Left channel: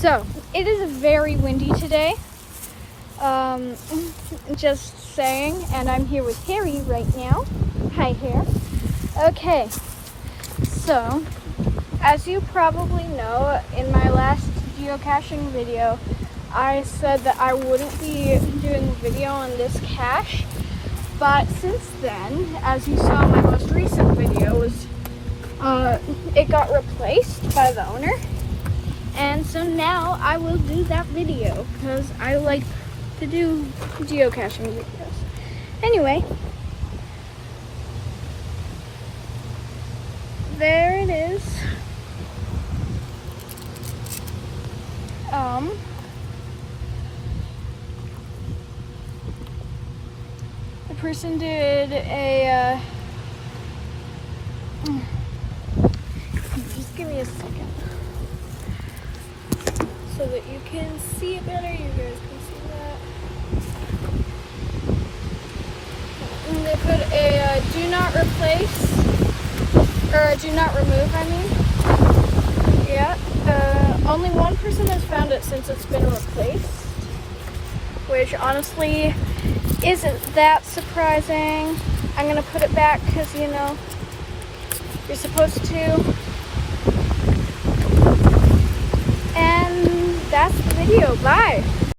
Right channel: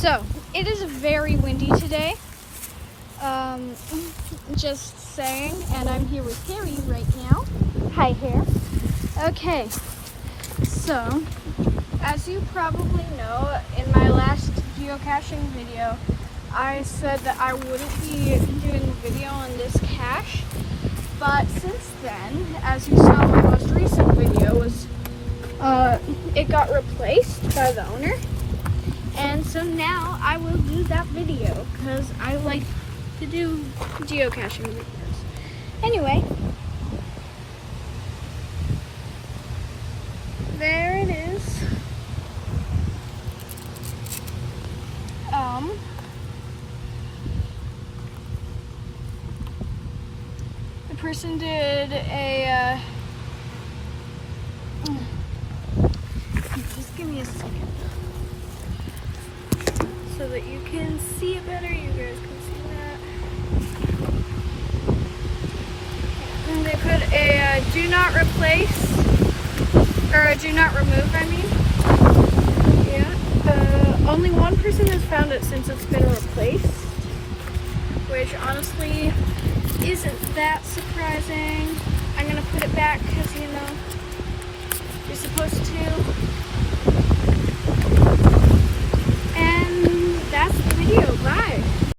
So, it is very windy today. Just saying, and I'm here with Harry right now. Hi, Harry. Okay, so, as you probably know, in my last geocaching video, I said that I wouldn't be doing a video on this cache, but since then, as you saw, my most recent video was, it got replaced by the owner. And so now I will do that video because I like to do geocaching videos. Anyway, there it is. The person did a, just give me a second. So that you can see it better, you guys can see that. And they put a do not replace, or a do not remove, I mean. Yeah, only one person has found it since it's been replaced, which honestly isn't that surprising. I'm gonna put it back because, you know, you're supposed to. And that's the video. Bye.